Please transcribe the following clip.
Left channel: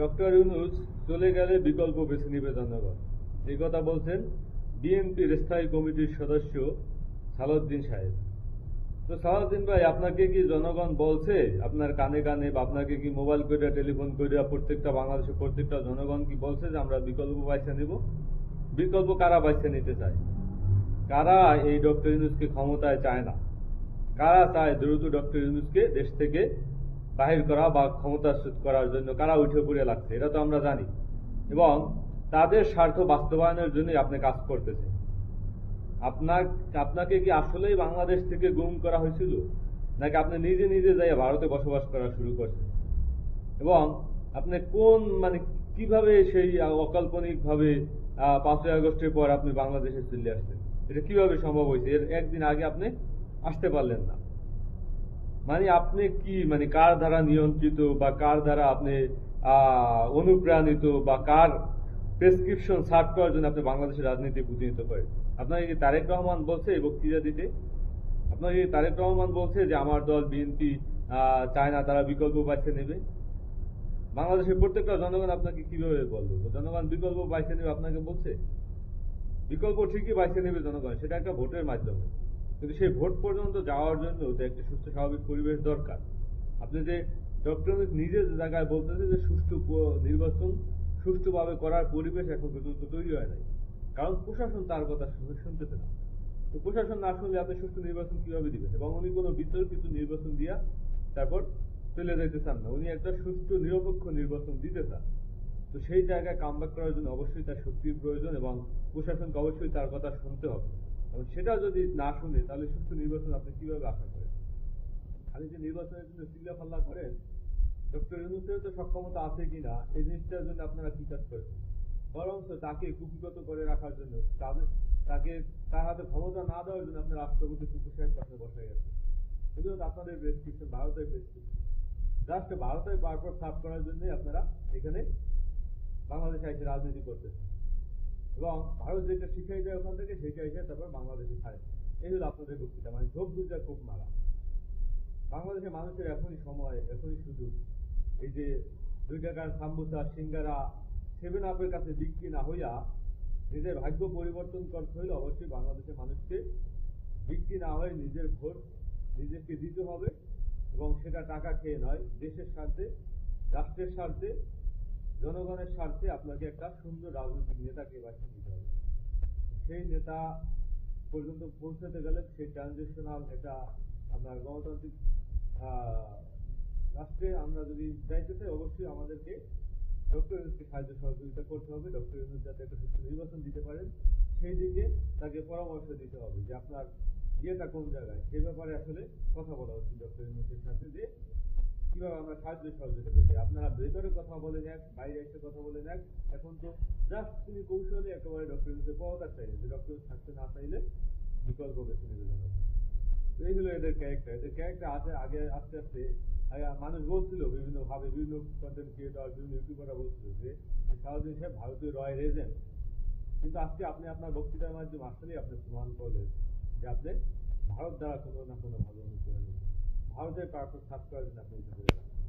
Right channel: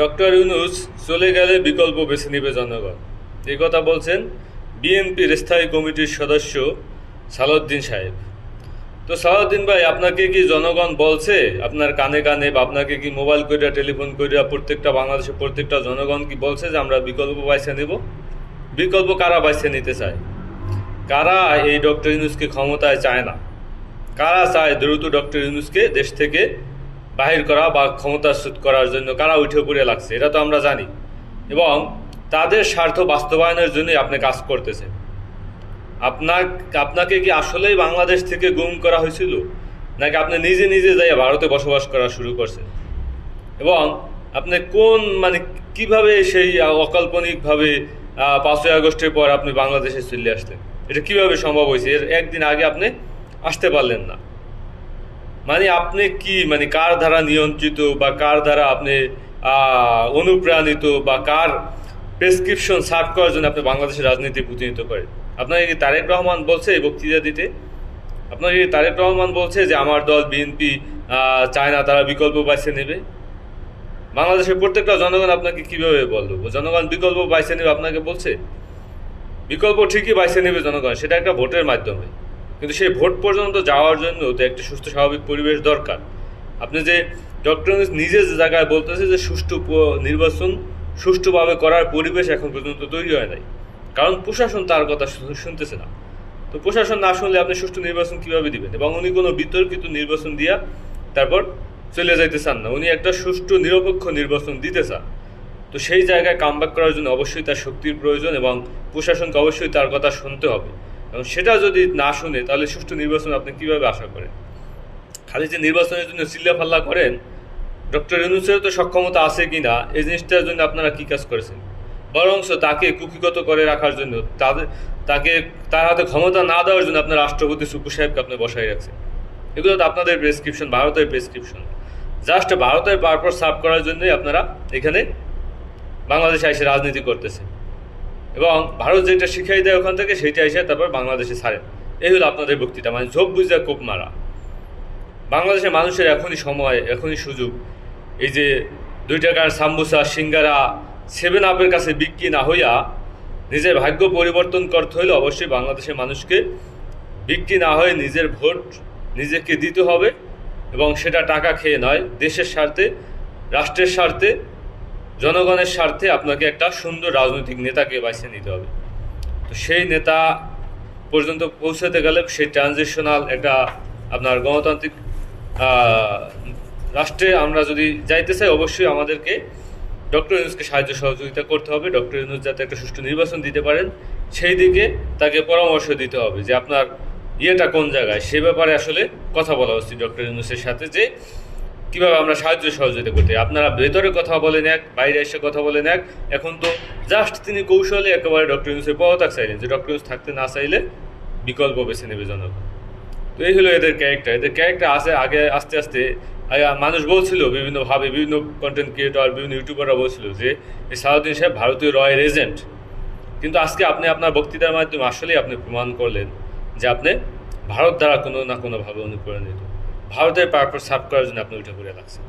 Doctor Yunus চলে গেলে বিকল্প বেছে নেবে জনগণ। এই কথা বলছেন বিএনপির স্থায়ী কমিটির সদস্য সালাউদ্দিন সাহেব। তো সালাউদ্দিন ভাই, আপনাকে কি জনগণ বলছে? আপনার কানে কানে বা আপনাকে কি মোবাইল করিয়া টেলিফোন করিয়া প্রত্যেকটা বাংলাদেশের প্রত্যেকটা জনগণ কি বলছে যে আমরা বিকল্প বাইছে নেব? বিকল্প কারা বাইছে নিতে চায়? কারা এই ডক্টর ইউনুসকে ক্ষমতায় চায় না? কারা চায় দ্রুত ডক্টর ইউনুসকে দেশ থেকে বাহির করা বা ক্ষমতাচ্যুত করার জন্য কারা উঠে পড়ে লাগছে, এটা তো আমরা জানি। এবং তাদের স্বার্থ বাস্তবায়নের জন্যই আপনি কাজ করতেছেন। আপনার আপনাকে কি আসলেই বাংলাদেশ থেকে গুম করা হয়েছিল? নাকি আপনি নিজে নিজে যাই ভারতে বসবাস করা শুরু করছেন? এবং আপনি কোন মানে কীভাবে সেই অকাল্পনিকভাবে পাঁচই আগস্টের পর আপনি বাংলাদেশে চলে আসলেন? এটা কীভাবে সম্ভব হয়েছে? এর একদিন আগে আপনি আসতে পারলেন না। মানে আপনি কি মানে কার দ্বারা নিয়ন্ত্রিত বা কার দ্বারা আপনি অনুপ্রাণিত বা কার প্রেসক্রিপশন সার্ভ করার জন্য আপনি বাংলাদেশের রাজনীতি প্রতিনিধিত্ব করেন? আপনাকে কি তারেক রহমান বলছে এই বক্তৃতা দিতে? আপনাকে কি তারেক রহমান বলছে যে আমার দল বিএনপি চায় না, তারা বিকল্প বাইছে নেবে? বাংলাদেশের প্রত্যেকটা জনগণ আপনাকে কীভাবে বলল? জনগণ বিকল্প বাইছে নেবে আপনাকে বলছে? বিকল্প ঠিকই বাইছে নেবে জনগণ, সেটা একটা ভোটের মাধ্যমে। কিন্তু সেই ভোট পর্যন্ত যাওয়ার জন্য তো একটা সুস্থ স্বাভাবিক পরিবেশ দরকার। আপনি যে ডক্টর নিজে যে জায়গায় বলতেছে যে সুষ্ঠু নির্বাচন সুষ্ঠুভাবে করার পরিবেশ এখন পর্যন্ত তৈরি হয় নাই। কারণ প্রশাসন তার কথা শুনতেছে না। তো প্রশাসন না শুনলে আপনি সুষ্ঠু নির্বাচন কীভাবে দিবেন? এবং উনি কোনো বিতর্কিত নির্বাচন দিয়া তারপর চলে যাইতে চান না। উনি একটা সুষ্ঠু, নিরপেক্ষ নির্বাচন দিতে চান। তো সেই জায়গায় কামব্যাক করার জন্য অবশ্যই তার শক্তির প্রয়োজন এবং প্রশাসনকে অবশ্যই তার কথা শুনতে হবে। এবং সেটা যদি না শুনে, তাহলে সুষ্ঠু নির্বাচন আপনি কীভাবে আশা করেন? খালি যে নির্বাচনের জন্য চিল্লাফাল্লা করেন, ডক্টর ইউনুসের তো সক্ষমতা আছে কি না, এই জিনিসটার জন্য আপনারা কী কাজ করেছেন? বরংস তাকে কুকিগত করে রাখার জন্য, তাদের, তাকে, তার হাতে ক্ষমতা না দেওয়ার জন্য আপনার রাষ্ট্রপতি সুকু সাহেবকে আপনি বসাই রাখছেন। এগুলো তো আপনাদের প্রেসক্রিপশন ভারতের প্রেসক্রিপশন জাস্ট ভারতের পারপর সার্ভ করার জন্যই আপনারা এখানে বাংলাদেশে এসে রাজনীতি করতেছেন। এবং ভারত যেটা শিখাই দেয় ওখান থেকে, সেইটা এসে তারপর বাংলাদেশে ছাড়েন এই হলো আপনাদের বক্তৃতা মানে ঝোপ বুঝা কোপ মারা। বাংলাদেশের মানুষের এখনই সময়, এখনই সুযোগ। এই যে দুই টাকার সাম্বুসা, সিঙ্গারা সেভেন আপের কাছে বিক্রি না হইয়া নিজের ভাগ্য পরিবর্তন করতে হইলে অবশ্যই বাংলাদেশের মানুষকে বিক্রি না হয়ে নিজের ভোট নিজেকে দিতে হবে এবং সেটা টাকা খেয়ে নয়, দেশের স্বার্থে, রাষ্ট্রের স্বার্থে জনগণের স্বার্থে আপনাকে একটা সুন্দর রাজনৈতিক নেতাকে বাছিয়ে নিতে হবে। তো সেই নেতা পর্যন্ত পৌঁছাতে গেলে সেই ট্রানজিশনাল একটা আপনার গণতান্ত্রিক রাষ্ট্রে আমরা যদি যাইতে চাই, অবশ্যই আমাদেরকে ডক্টর ইউনুসকে সাহায্য সহযোগিতা করতে হবে। ডক্টর ইউনুস যাতে একটা সুষ্ঠু নির্বাচন দিতে পারেন, সেই দিকে তাকে পরামর্শ দিতে হবে যে আপনার ইয়েটা কোন জায়গায়? সে ব্যাপারে আসলে কথা বলা উচিত ডক্টর ইউনুসের সাথে যে কীভাবে আমরা সাহায্য সহযোগিতা করতে আপনারা ভেতরে কথা বলেন এক, বাইরে এসে কথা বলেন এক। এখন তো জাস্ট তিনি কৌশলে একেবারে ডক্টর ইউনুসের পদত্যাগ চাইলেন যে ডক্টর ইউনুস থাকতে না চাইলে বিকল্প বেছে নেবে জনগণ। তো এই হলো এদের ক্যারেক্টার এদের ক্যারেক্টার আছে আগে আস্তে আস্তে মানুষ বলছিল বিভিন্নভাবে, বিভিন্ন কন্টেন্ট ক্রিয়েটর বিভিন্ন ইউটিউবাররা বলছিল যে, এই সালাউদ্দিন সাহেব ভারতীয় রয়ের এজেন্ট কিন্তু আজকে আপনি আপনার বক্তৃতার মাধ্যমে আসলেই আপনি প্রমাণ করলেন যে আপনি ভারত দ্বারা কোনো না কোনোভাবে অনুপ্রাণিত। ভারতের পারপর সাফ করার জন্য আপনি উঠে পড়ে লাগছেন